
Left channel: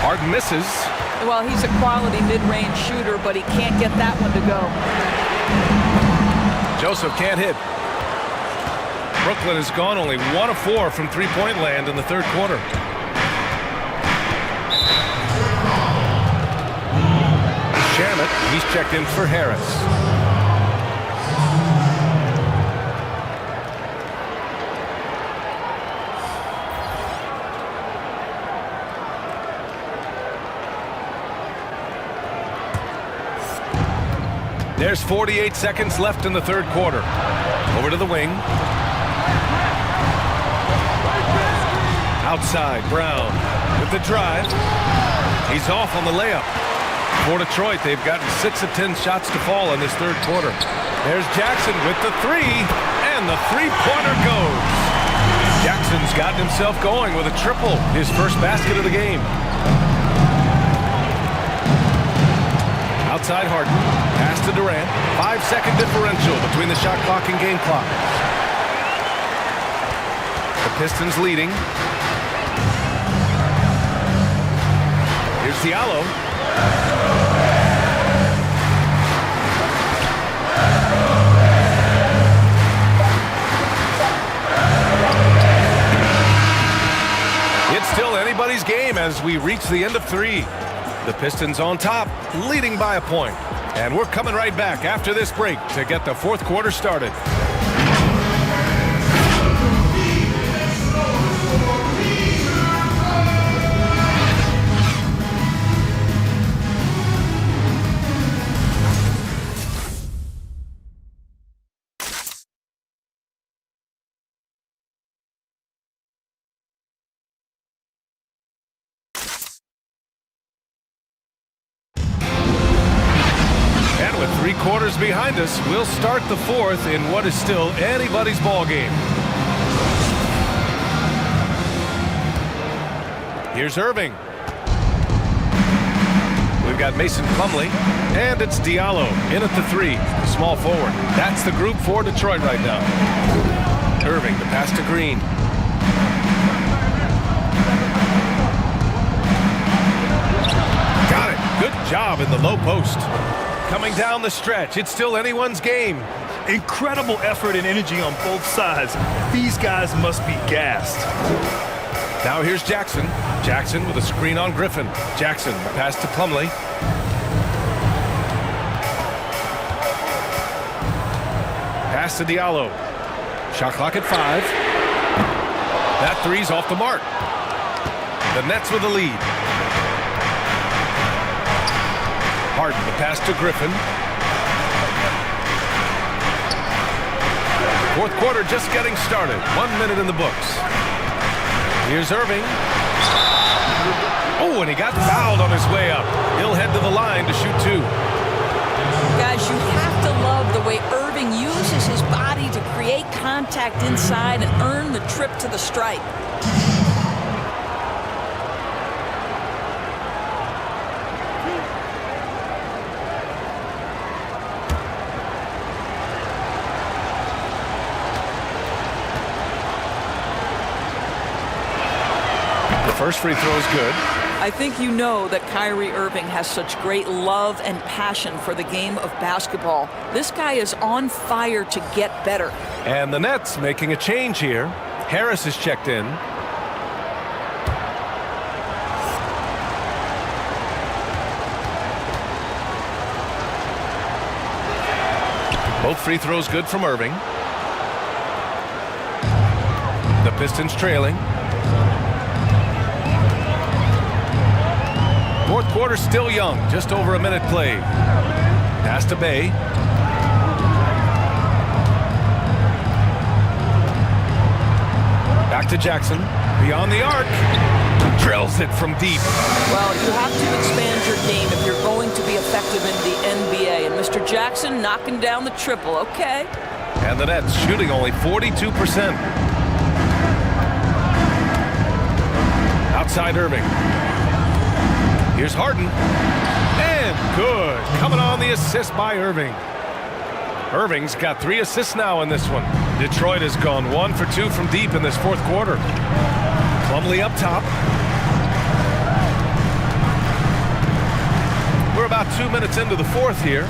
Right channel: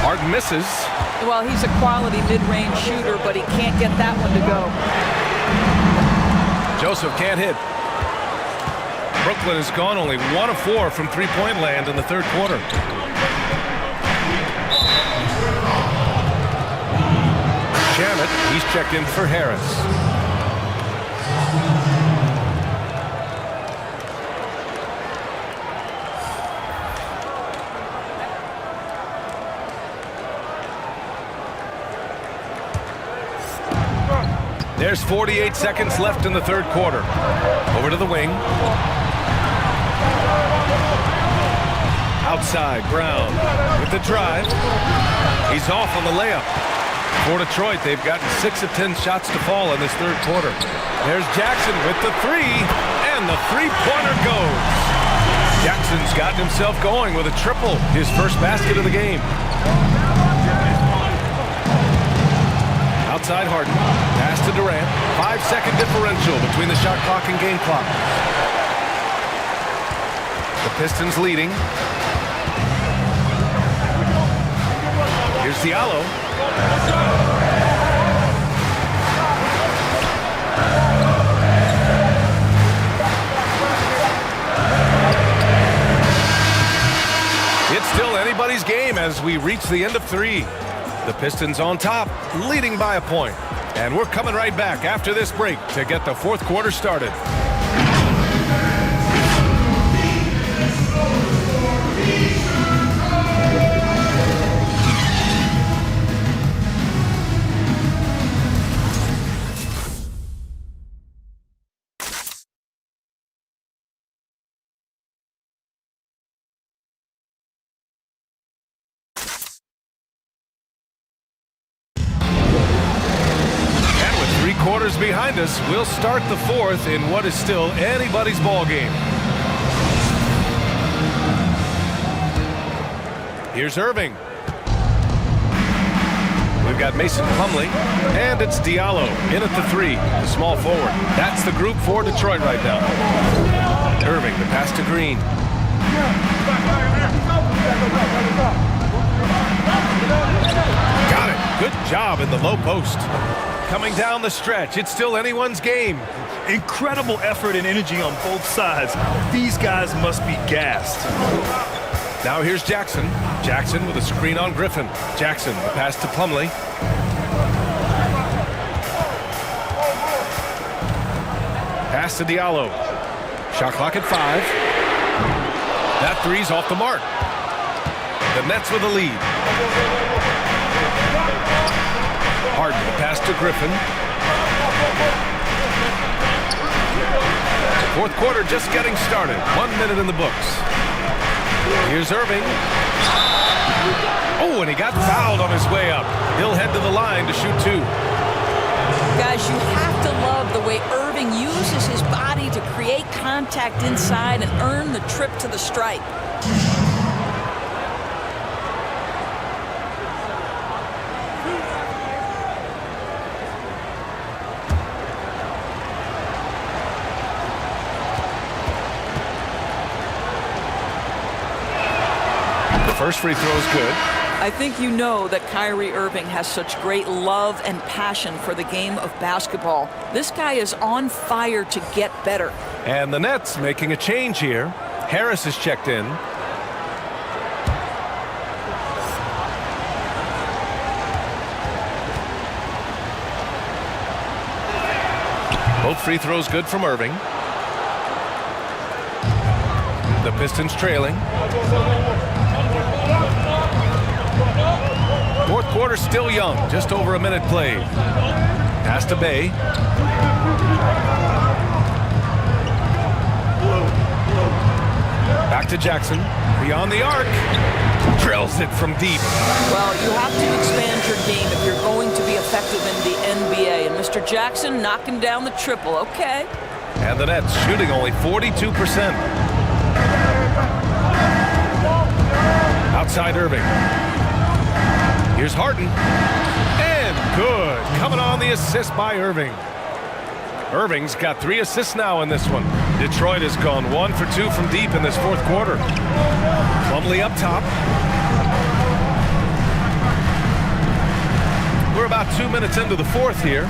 Harden misses. Well, he's a quality mid-range shooter, but he can't get that one to go. Joseph can't hit. Brooklyn has gone only 1 of 4 from three-point land in the third quarter. Shamet, he's checked in for Harris. There's 48 seconds left in the third quarter. Over to the wing. Outside, Brown with the drive. He's off on the layup. For Detroit, they've gotten 6 of 10 shots to fall in this third quarter. There's Jackson with the 3, and the three-pointer goes. Jackson's gotten himself going with a triple, his first basket of the game. Outside Harden, pass to Durant. 5-second differential between the shot clock and game clock. The Pistons leading. Here's Diallo. It's still anybody's game as we reach the end of 3. The Pistons on top, leading by a point. And we're coming right back after this break to get the fourth quarter started. With 3 quarters behind us, we'll start the fourth in what is still anybody's ball game. Here's Irving. We've got Mason Plumlee, and it's Diallo in at the 3, the small forward. That's the group for Detroit right now. Irving, the pass to Green. Got it. Good job in the low post. Coming down the stretch, it's still anyone's game. Incredible effort and energy on both sides. These guys must be gassed. Now here's Jackson. Jackson with a screen on Griffin. Jackson, the pass to Plumlee. Pass to Diallo. Shot clock at 5. That 3's off the mark. The Nets with a lead. Harden, the pass to Griffin. Fourth quarter just getting started. 1 minute in the books. Here's Irving. Oh, and he got fouled on his way up. He'll head to the line to shoot 2. Guys, you have to love the way Irving uses his body to create contact inside and earn the trip to the stripe. First free throw is good. I think you know that Kyrie Irving has such great love and passion for the game of basketball. This guy is on fire to get better. And the Nets making a change here. Harris is checked in. Both free throws good from Irving. The Pistons trailing. Fourth quarter still young, just over a minute played. Pass to Bay. Back to Jackson. Beyond the arc. Drills it from deep. Well, you have to expand your game if you're going to be effective in the NBA. And Mr. Jackson knocking down the triple. Okay. And the Nets shooting only 42%. Outside Irving. Here's Harden. And good. Coming on the assist by Irving. Irving's got 3 assists now in this one. Detroit has gone 1 for 2 from deep in this fourth quarter. Plumlee up top. We're about 2 minutes into the fourth here.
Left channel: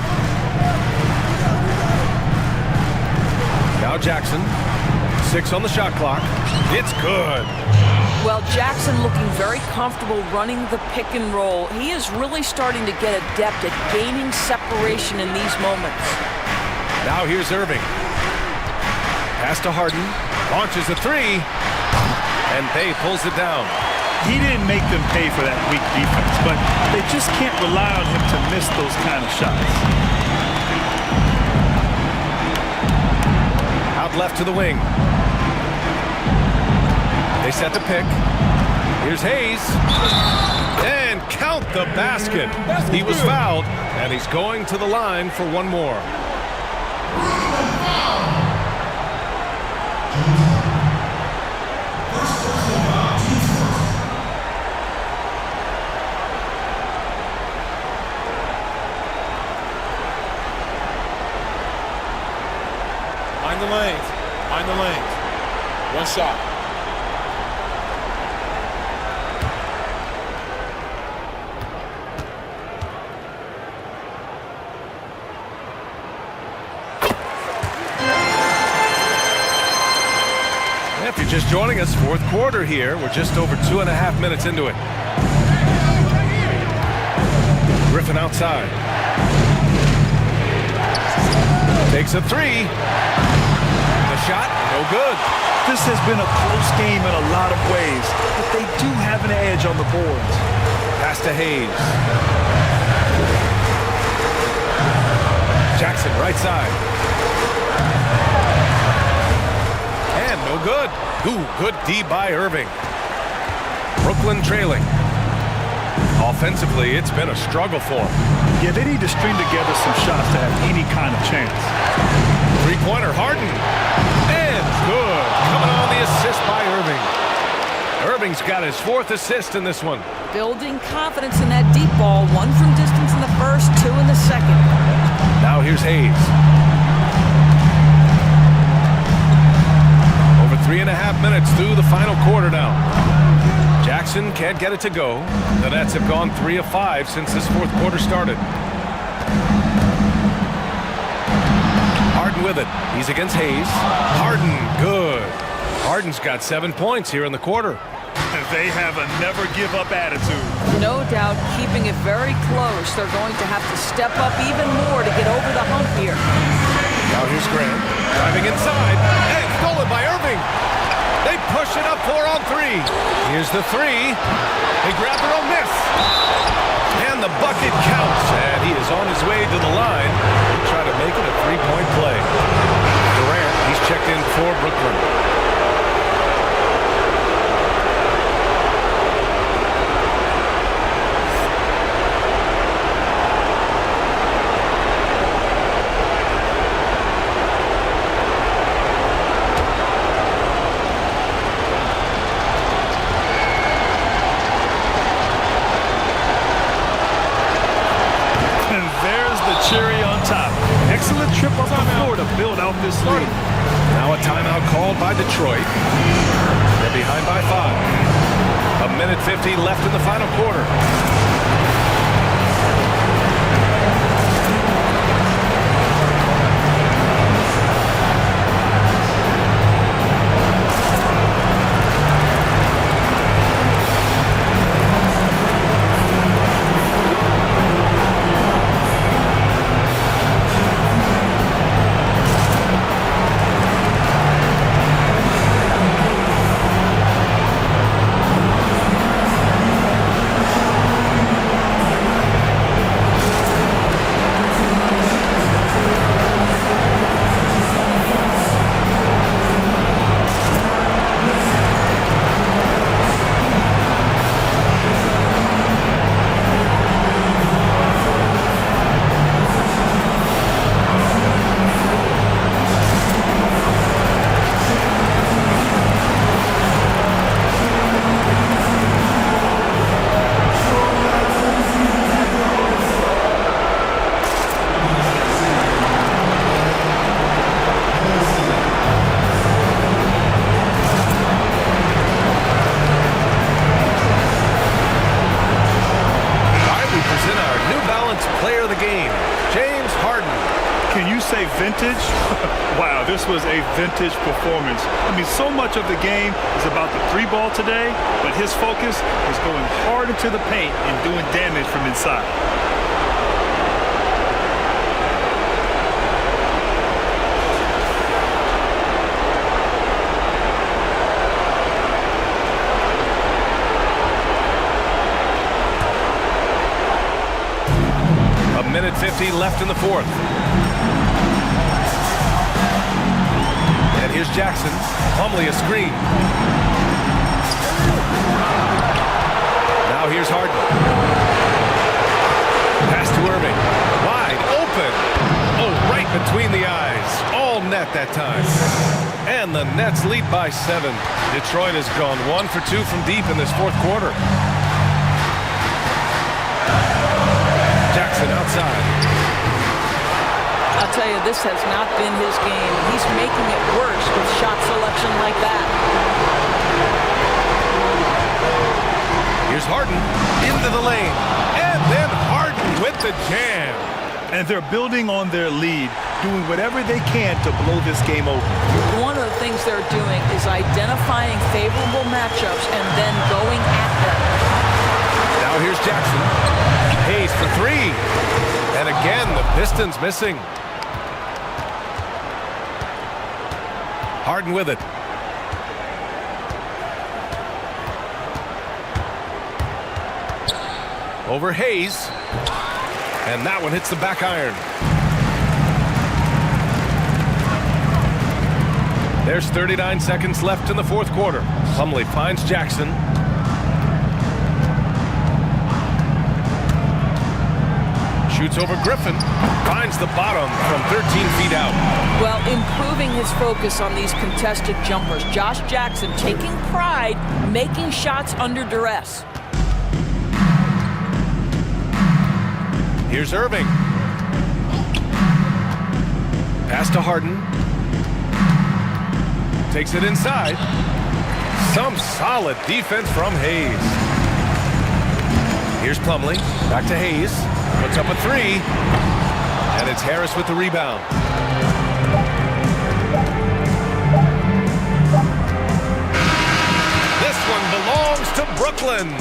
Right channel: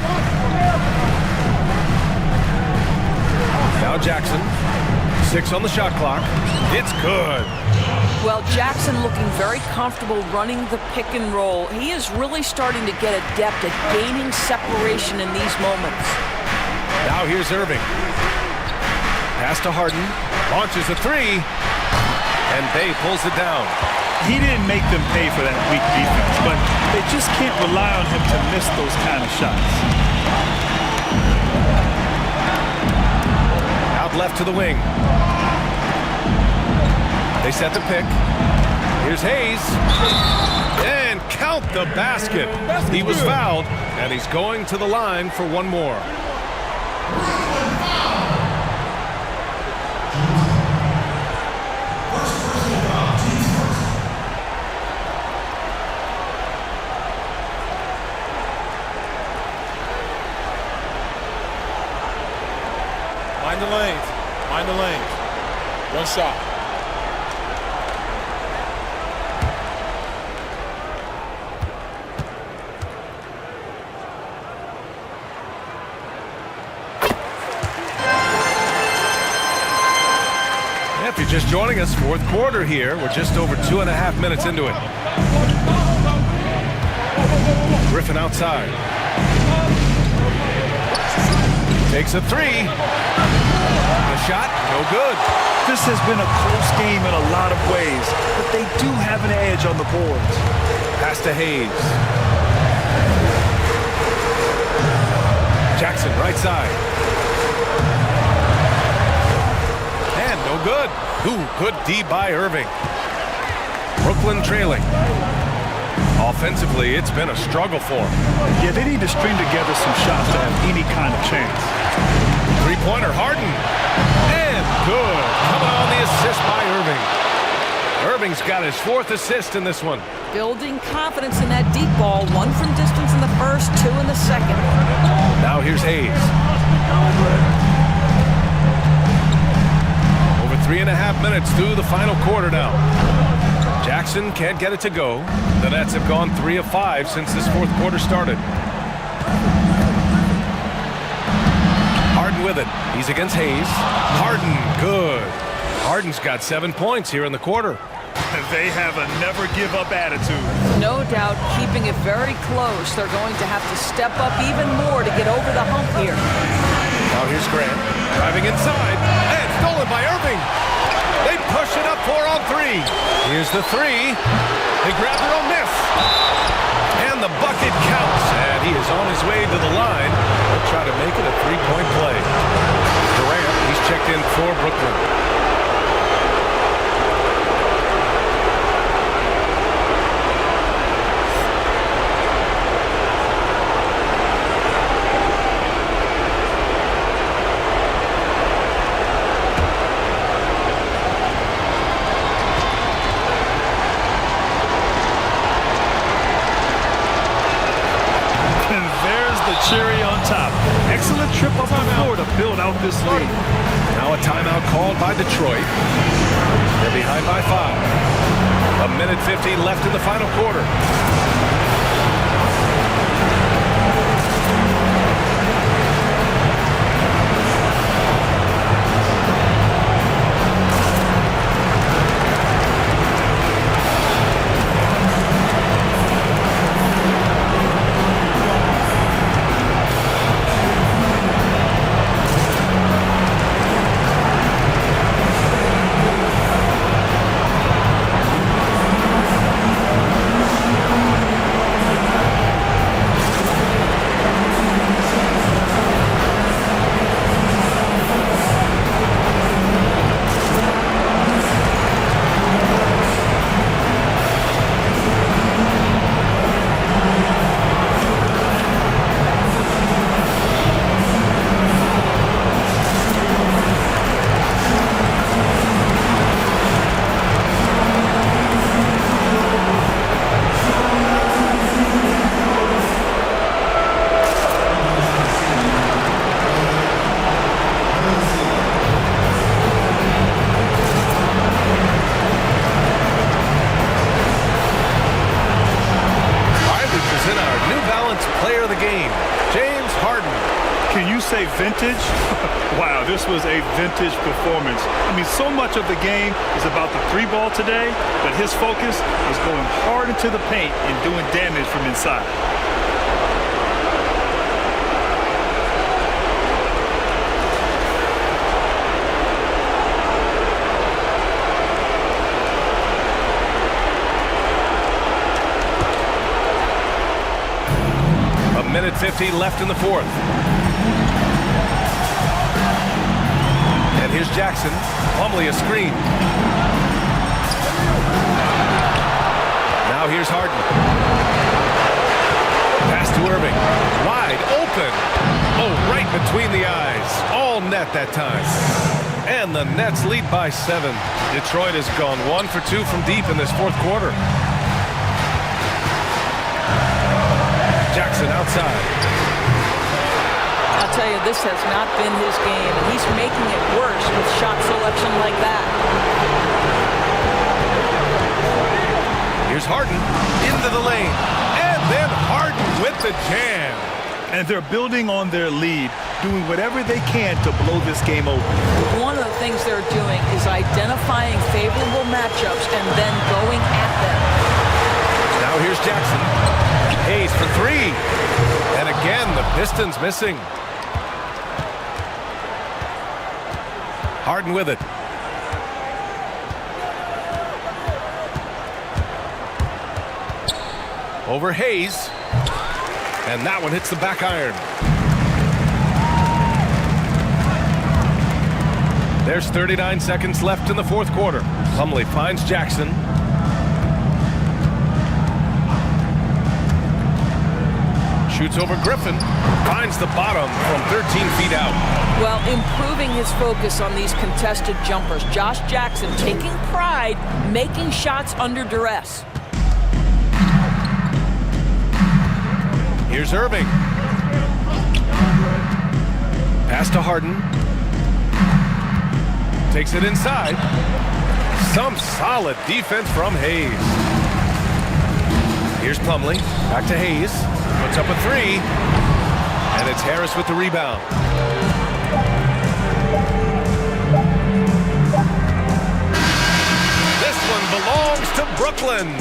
Now Jackson. 6 on the shot clock. It's good. Well, Jackson looking very comfortable running the pick and roll. He is really starting to get adept at gaining separation in these moments. Now here's Irving. Pass to Harden. Launches a 3. And Bay pulls it down. He didn't make them pay for that weak defense, but they just can't rely on him to miss those kind of shots. Out left to the wing. They set the pick. Here's Hayes. And count the basket. He was fouled, and he's going to the line for one more. Mind the lanes. Mind the lanes. One shot. If you just joining us, fourth quarter here. We're just over 2.5 minutes into it. Griffin outside. Takes a three. The shot, no good. This has been a close game in a lot of ways, but they do have an edge on the boards. Pass to Hayes. Jackson right side. And no good. Ooh, good D by Irving. Brooklyn trailing. Offensively, it's been a struggle for them. Yeah, they need to string together some shots to have any kind of chance. Three-pointer, Harden. And good. Coming on the assist by Irving. Irving's got his 4th assist in this one. Building confidence in that deep ball. 1 from distance in the first, 2 in the second. Now here's Hayes. Over 3.5 minutes through the final quarter now. Jackson can't get it to go. The Nets have gone 3 of 5 since this fourth quarter started. Harden with it. He's against Hayes. Harden, good. Harden's got 7 points here in the quarter. They have a never-give-up attitude. No doubt keeping it very close. They're going to have to step up even more to get over the hump here. Now here's Grant. Driving inside. And stolen by Irving. They push it up 4 on 3. Here's the 3. They grab their own miss. And the bucket counts. And he is on his way to the line. He'll try to make it a 3-point play. Durant, he's checked in for Brooklyn. The cherry on top. Excellent trip up the floor to build out this lead. Now a timeout called by Detroit. They're behind by 5. 1:50 left in the final quarter. Player of the game, James Harden. Can you say vintage? Wow, this was a vintage performance. I mean, so much of the game is about the 3-ball today, but his focus was going hard into the paint and doing damage from inside. Minute 50 left in the fourth. And here's Jackson. Plumlee a screen. Now here's Harden. Pass to Irving. Wide open. Oh, right between the eyes. All net that time. And the Nets lead by 7. Detroit has gone 1 for 2 from deep in this fourth quarter. Jackson outside. I'll tell you, this has not been his game, and he's making it worse with shot selection like that. Here's Harden into the lane, and then Harden with the jam. And they're building on their lead, doing whatever they can to blow this game open. one of the things they're doing is identifying favorable matchups and then going at them. Now here's Jackson. Hayes for three. And again, the Pistons missing. Harden with it. Over Hayes. And that one hits the back iron. There's 39 seconds left in the fourth quarter. Plumlee finds Jackson. Shoots over Griffin. Finds the bottom from 13 feet out. Well, improving his focus on these contested jumpers. Josh Jackson taking pride, making shots under duress. Here's Irving. Pass to Harden. Takes it inside. Some solid defense from Hayes. Here's Plumlee. Back to Hayes. Puts up a three. And it's Harris with the rebound. This one belongs to Brooklyn.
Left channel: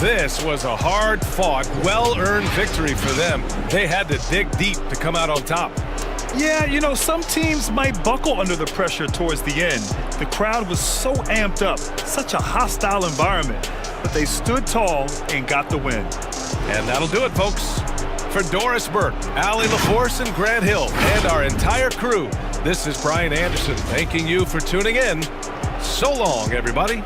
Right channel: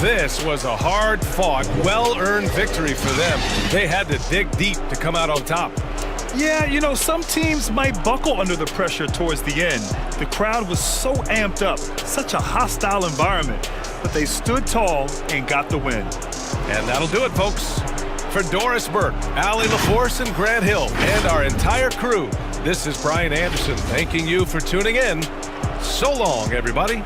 This was a hard-fought, well-earned victory for them. They had to dig deep to come out on top. Yeah, you know, some teams might buckle under the pressure towards the end. The crowd was so amped up, such a hostile environment, but they stood tall and got the win. And that'll do it, folks. For Doris Burke, Allie LaForce, and Grant Hill, and our entire crew, this is Brian Anderson thanking you for tuning in. So long, everybody.